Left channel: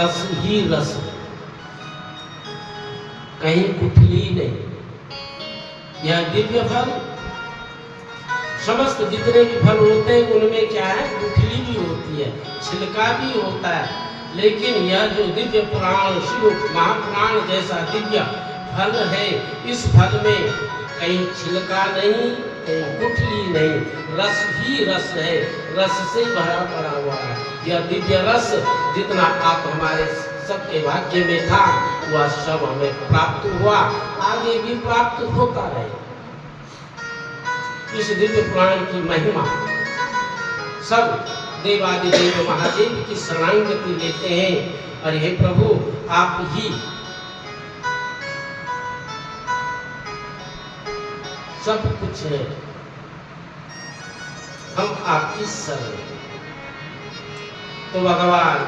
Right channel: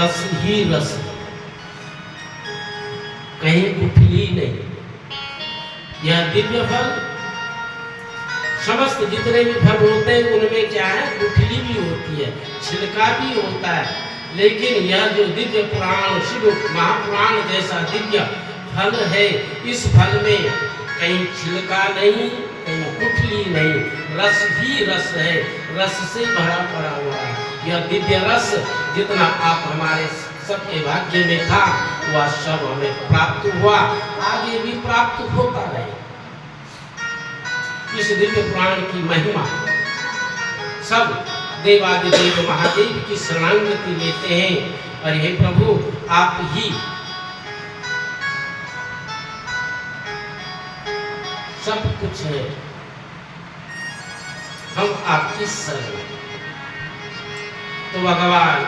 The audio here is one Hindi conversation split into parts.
रस ही रस, कहीं गुठली नहीं। यह दिव्य फल, समस्त जितने भी फल होते हैं उनमें क्या है, गुठली भी होती है, छिलका भी होता है, लेकिन यह जो दिव्य पुराण शिव महापुराण जैसा दिव्य फल है, इस फल में कहीं छिलका नहीं, कहीं गुठली नहीं, रस ही रस है, रस से भरा पड़ा हुआ है। यह दिव्य रस जितना आप हमारे सबके भाग्य में था वह सब हमें प्राप्त हुआ, आगे भी प्राप्त होता रहे। इस दिव्य पुराण की महिमा सब देवादिदेव महादेव की शरणागति लेते हैं और हे प्रभु आप ही सब कुछ है, हम आपकी शरण। तो भगवान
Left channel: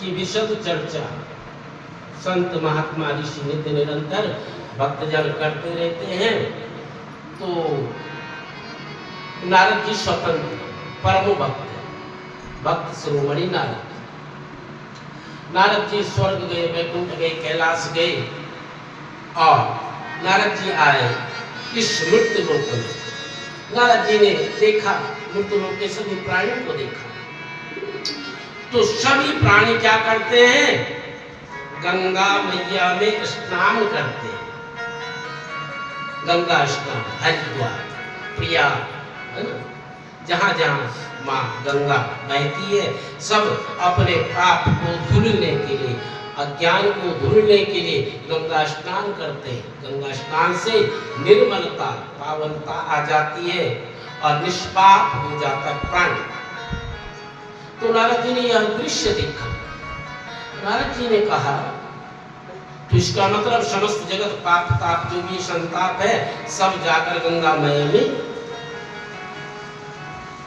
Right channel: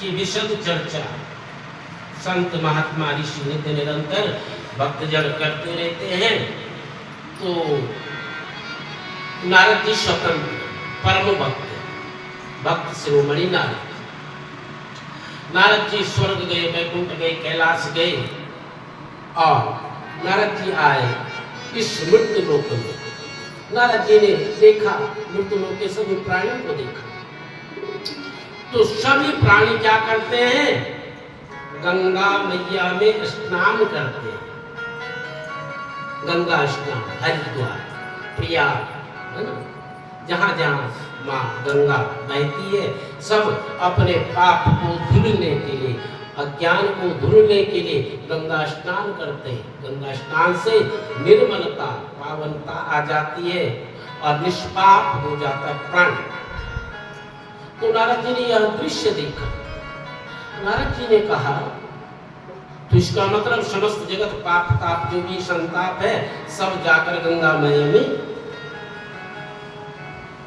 की विशद चर्चा संत महात्मा ऋषि नित्य निरंतर भक्तजन करते रहते हैं। तो नारद जी स्वतंत्र परम भक्त शिरोमणि नारद जी स्वर्ग गए, वैकुंठ गए, कैलाश गए और नारद जी आए इस मृत्यु लोक में। नारद जी ने देखा मृत्यु लोक के सभी प्राणियों को देखा, तो सभी प्राणी क्या करते हैं, गंगा मैया में स्नान करते हैं। गंगा स्नान, हरिद्वार, प्रयाग, है ना, जहां जहां माँ गंगा बहती है, सब अपने पाप को धुलने के लिए, अज्ञान को धुलने के लिए गंगा स्नान करते हैं। गंगा स्नान से निर्मलता, पावनता आ जाती है और निष्पाप हो जाता है प्राण। तो नारद जी ने यह दृश्य देखा। नारद जी ने कहा तो इसका मतलब समस्त जगत पाप ताप जो भी संताप है सब जाकर गंगा मैया में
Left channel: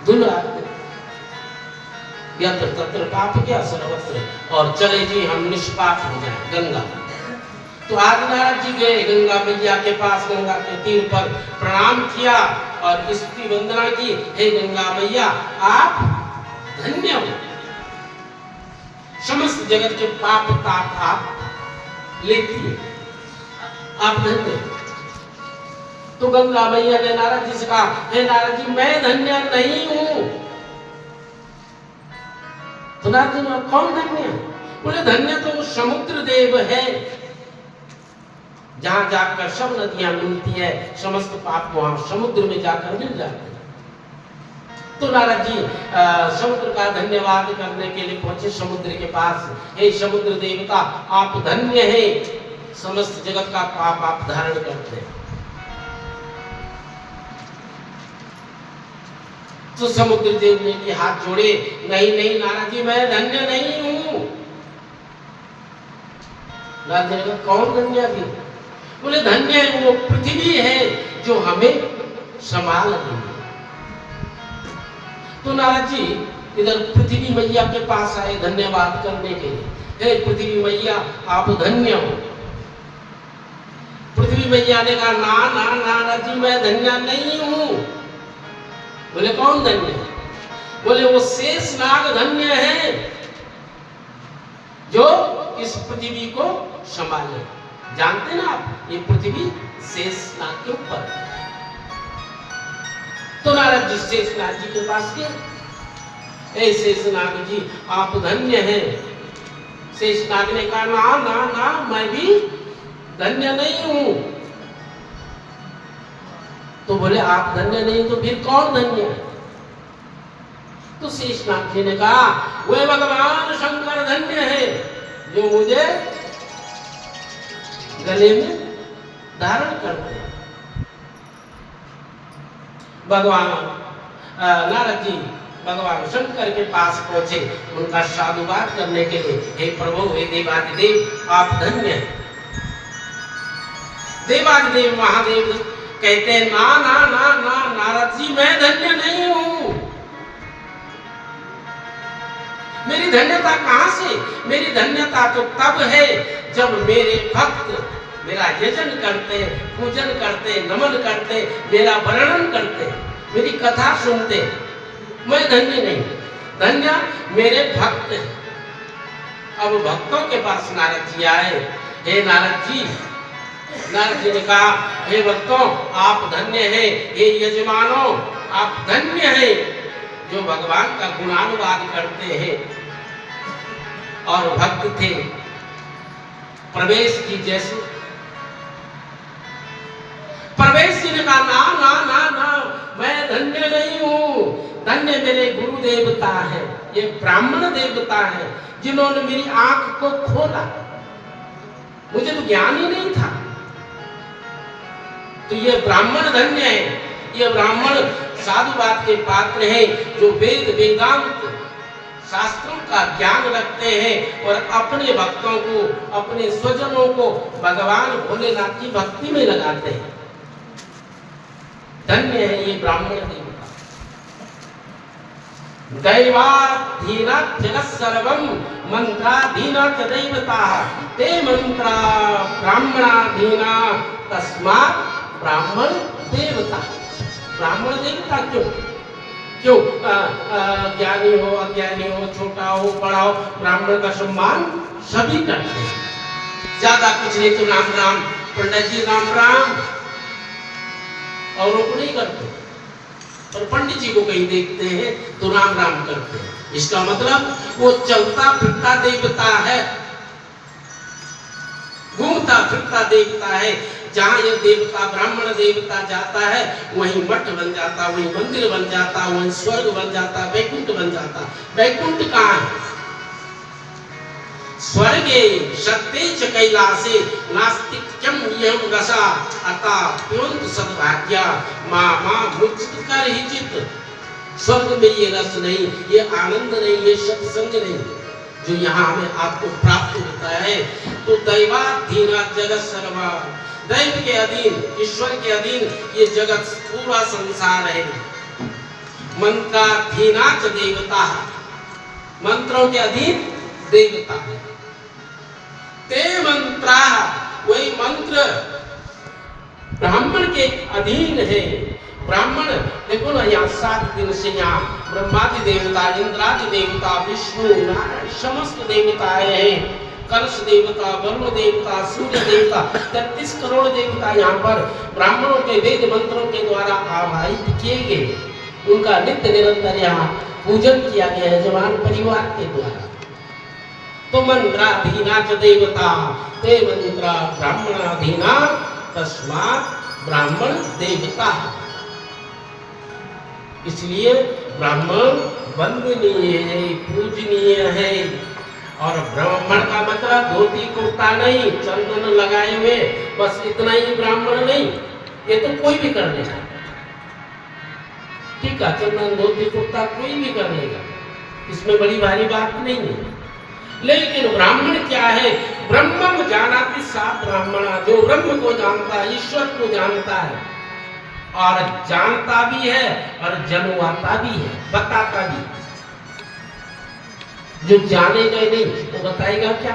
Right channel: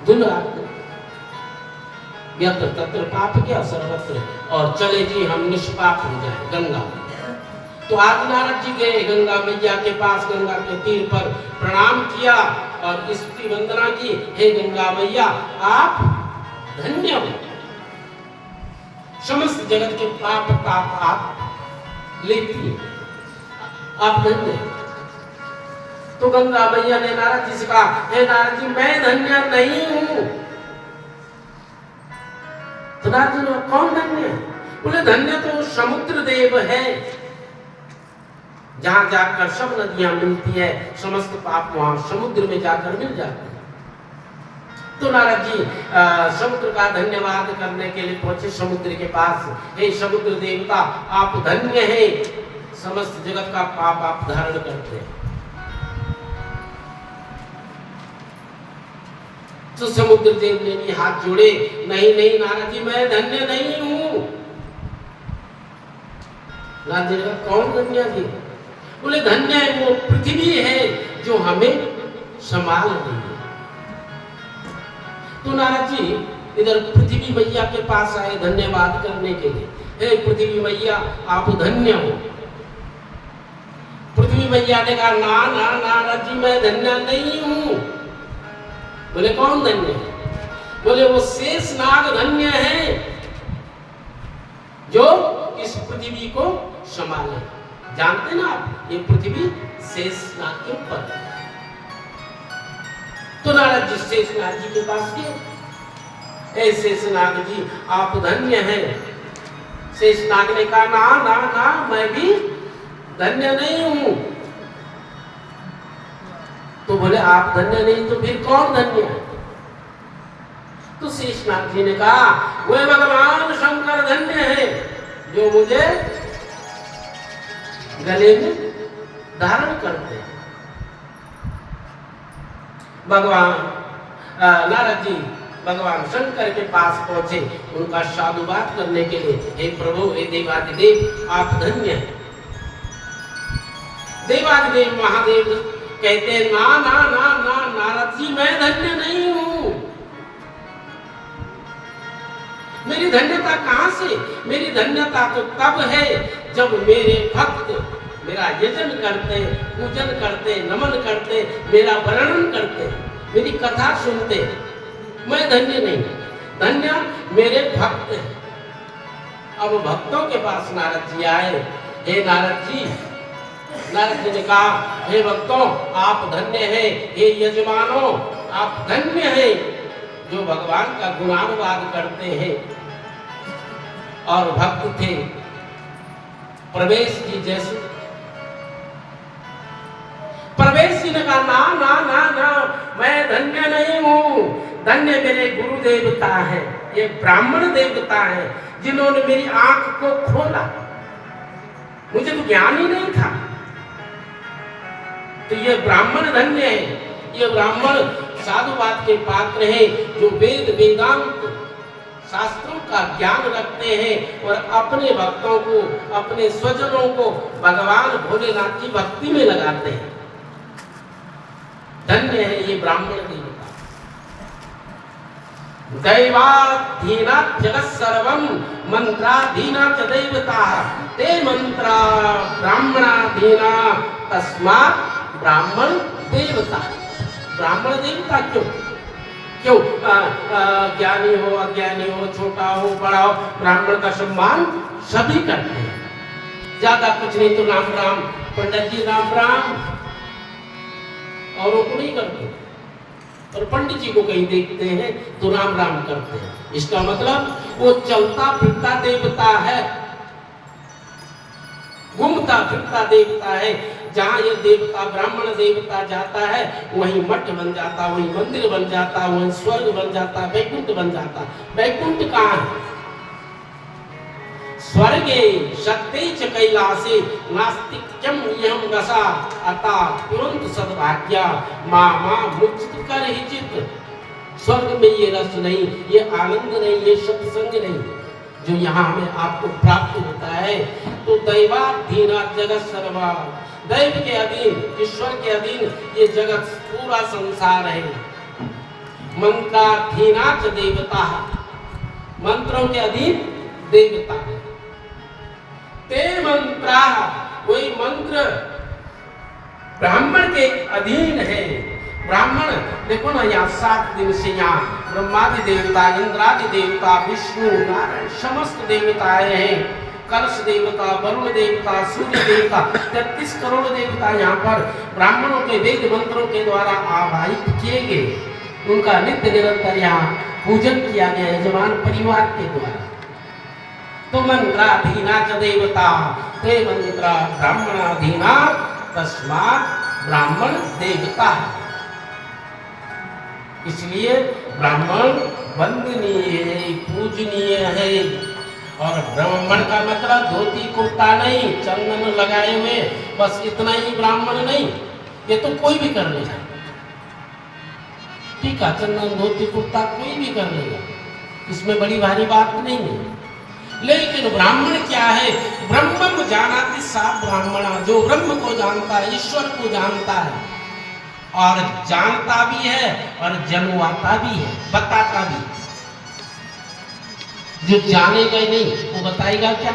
धुल आते, यत्र तत्र पाप क्या सर्वत्र, और चले जी हम निष्पाप हो जाए गंगा। तो आज नारद जी गए गंगा मैया के पास, गंगा के तीर पर प्रणाम किया और स्तुति वंदना की, हे गंगा मैया आप धन्य हो, समस्त जगत के पाप ताप आप लेती है, आप धन्य हो। तो गंगा मैया ने नारद जी से कहा, हे नारद जी मैं धन्य नहीं हूं। तो नारद जी ने कौन धन्य है? बोले धन्य तो समुद्र देव है, जहां जाकर सब नदियां मिलती है, समस्त पाप वहां समुद्र में जाकर मिल जाते हैं। तो नारद जी समुद्र का धन्यवाद करने के लिए पहुंचे समुद्र के पास। हे समुद्र देवता आप धन्य हैं, समस्त जगत का पाप आप धारण करते हैं। तो समुद्र देव ने भी हाथ जोड़े, नहीं नहीं नारद जी मैं धन्य नहीं हूं। नारद जी ने कहा कौन धन्य जी? बोले धन्य है वो पृथ्वी है जो हमें संभाल रही है। तो नारद जी इधर पृथ्वी मैया के पास आए धन्यवाद करने के लिए, हे पृथ्वी मैया आप धन्य हो। पृथ्वी मैया ने कहा ना ना नारद जी मैं धन्य नहीं हूं। बोले कौन धन्य है? बोले वो शेष नाग धन्य है जो इस पृथ्वी को संभाले। जानते ना आप ये पृथ्वी शेष नाग के ऊपर। तो नारद जी शेषनाग जी के पास गए, हे शेषनाग जी आप धन्य हैं। शेषनाग ने कहा ना ना ना मैं भी धन्य नहीं हूं। तो बोले आप धन्य नहीं तो फिर कौन धन्य है? तो शेषनाग जी ने कहा वह भगवान शंकर धन्य है जो मुझे गले में धारण करते हैं। भगवान नारद जी भगवान शंकर के पास पहुंचे उनका साधुवाद करने के लिए, हे प्रभु हे देवादिदेव आप धन्य हैं। देवादिदेव महादेव कहते हैं ना ना ना ना नारद जी मैं धन्य नहीं हूं। मेरी धन्यता कहां से? मेरी धन्यता तो तब है जब मेरे भक्त मेरा यजन करते, पूजन करते, नमन करते, मेरा वर्णन करते, मेरी कथा सुनते, मैं धन्य नहीं। धन्य मेरे भक्त हैं। अब भक्तों के पास नारद जी आए। हे नारद जी ने कहा, हे भक्तों आप धन्य हैं, हे यजमानों आप धन्य हैं जो भगवान का गुणानुवाद करते हैं। और भक्त थे प्रवेश जी जैसे। प्रवेश जी ने कहा, ना ना ना ना, मैं धन्य नहीं हूं, धन्य मेरे गुरु देवता है, ये ब्राह्मण देवता है जिन्होंने मेरी आंख को खोला। मुझे तो ज्ञान ही नहीं था। तो ये ब्राह्मण धन्य है, ये ब्राह्मण साधुवाद के पात्र हैं जो वेद वेदांत शास्त्रों का ज्ञान रखते हैं और अपने भक्तों को, अपने स्वजनों को भगवान भोलेनाथ की भक्ति में लगाते हैं। धन्य है ये ब्राह्मण देवता। दैवाधीनात् जगत् सर्वं मंत्राधीनात् दैवताः ते मंत्रा ब्राह्मणाधीना तस्मात् ब्राह्मण देवता। ब्राह्मण देवता क्यों? ज्ञानी हो अज्ञानी हो, छोटा हो बड़ा हो, ब्राह्मण का सम्मान सभी करते हैं। ज्यादा कुछ नहीं तो राम राम, पंडित जी राम राम, और वो नहीं करते। और पंडित जी को कहीं देखते हैं तो राम राम करते हैं। इसका मतलब वो चलता फिरता देवता है, घूमता फिरता देवता है। जहाँ ये देवता ब्राह्मण देवता जाता है वहीं मठ बन जाता, वहीं मंदिर बन जाता, वहीं स्वर्ग बन जाता, वैकुंठ बन जाता। वैकुंठ कहाँ है? स्वर्गे सत्ते च कैलासे नास्तिक्यम यम रसा अता प्योंत सद्भाग्या मा मा मुक्त कर ही चित। स्वर्ग में ये रस नहीं, ये आनंद नहीं, ये सत्संग नहीं जो यहाँ हमें आपको प्राप्त होता है। तो दैवाधीना जगत सर्वा, दैव के अधीन, ईश्वर के अधीन ये जगत पूरा संसार है। मंत्राधीना च देवता, मंत्रों के अधीन देवता है। ते मंत्रा, वही मंत्र ब्राह्मण के अधीन है। ब्राह्मण देखो ना, यहाँ 7 दिन से यहाँ ब्रह्मादि देवता, इंद्रादि देवता, विष्णु नारायण समस्त देवताएं हैं। कलश देवता, वरुण देवता, सूर्य देवता, 33 करोड़ देवता यहाँ पर ब्राह्मणों के वेद मंत्रों के द्वारा आवाहित किए गए। उनका नित्य निरंतर यहाँ पूजन किया गया है जवान परिवार के द्वारा। तो मंत्राधीना च देवता ते मंत्रा ब्राह्मणाधीना तस्मात् ब्राह्मण देवता। इसलिए ब्राह्मण वंदनीय है, पूजनीय है। और ब्राह्मण का मतलब धोती कुर्ता नहीं, चंदन लगाए हुए बस इतना ही ब्राह्मण नहीं, ये तो कोई भी कर लेगा। ठीक है, चंदन धोती कुर्ता कोई भी कर लेगा, इसमें बड़ी भारी बात नहीं है। लेकिन ब्राह्मण क्या है? ब्रह्मम जानाति सा ब्राह्मणा, जो ब्रह्म को जानता है, ईश्वर को जानता है और जानता भी है और जनवाता भी है, बताता भी है। जो जानेगा नहीं वो बताएगा क्या?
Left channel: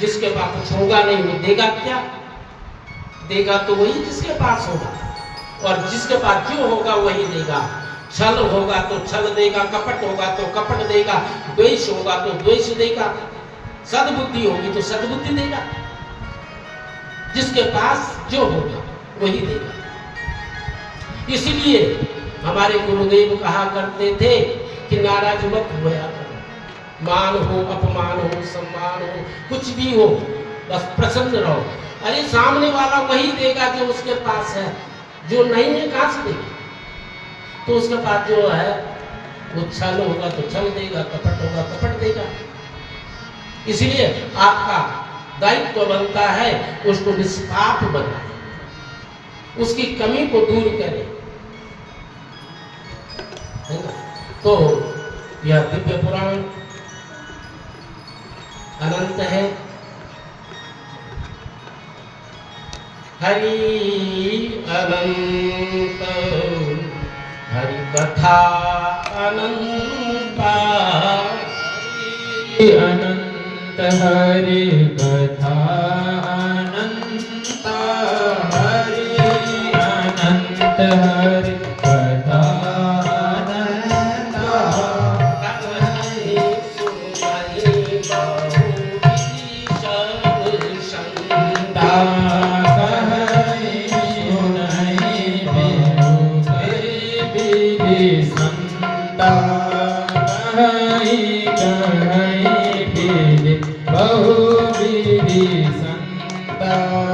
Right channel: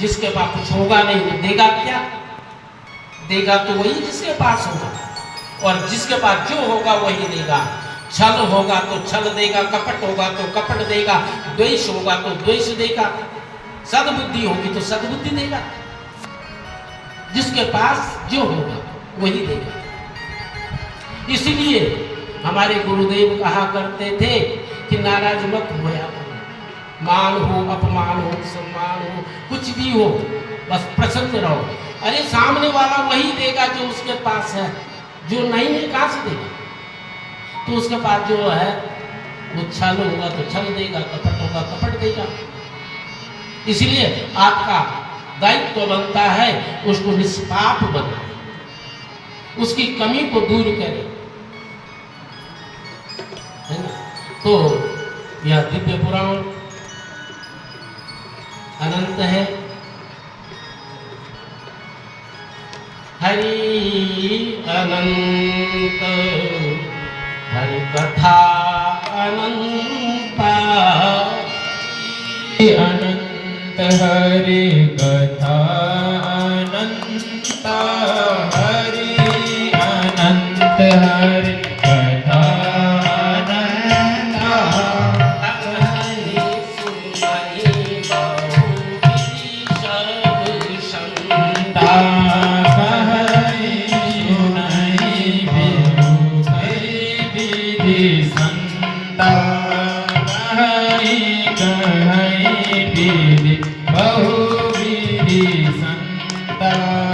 जिसके पास कुछ होगा नहीं वो देगा क्या? देगा तो वही जिसके पास होगा, और जिसके पास जो होगा वही देगा। छल होगा तो छल देगा, कपट होगा तो कपट देगा, द्वेष होगा तो द्वेष देगा, सद्बुद्धि होगी तो सद्बुद्धि देगा। जिसके पास जो होगा वही देगा। इसलिए हमारे गुरुदेव कहा करते थे कि नाराज मत होया करो, मान हो अपमान हो सम्मान हो कुछ भी हो, बस प्रसन्न रहो। अरे सामने वाला वही देगा जो उसके पास है, जो नहीं है कहाँ से देगा? तो उसके पास जो है वो छल होगा तो छल देगा, कपट होगा कपट देगा। इसलिए आपका दायित्व बनता है उसको निष्पाप बनाए, उसकी कमी को दूर करें, है ना? तो यह दिव्य पुराण अनंत है। हरि अनंत, हरि कथा अनंता, अनंत हरि कथा अनंता, हरि अनंत हरि कथा अनंता, कहीं विधि बहुविधि संता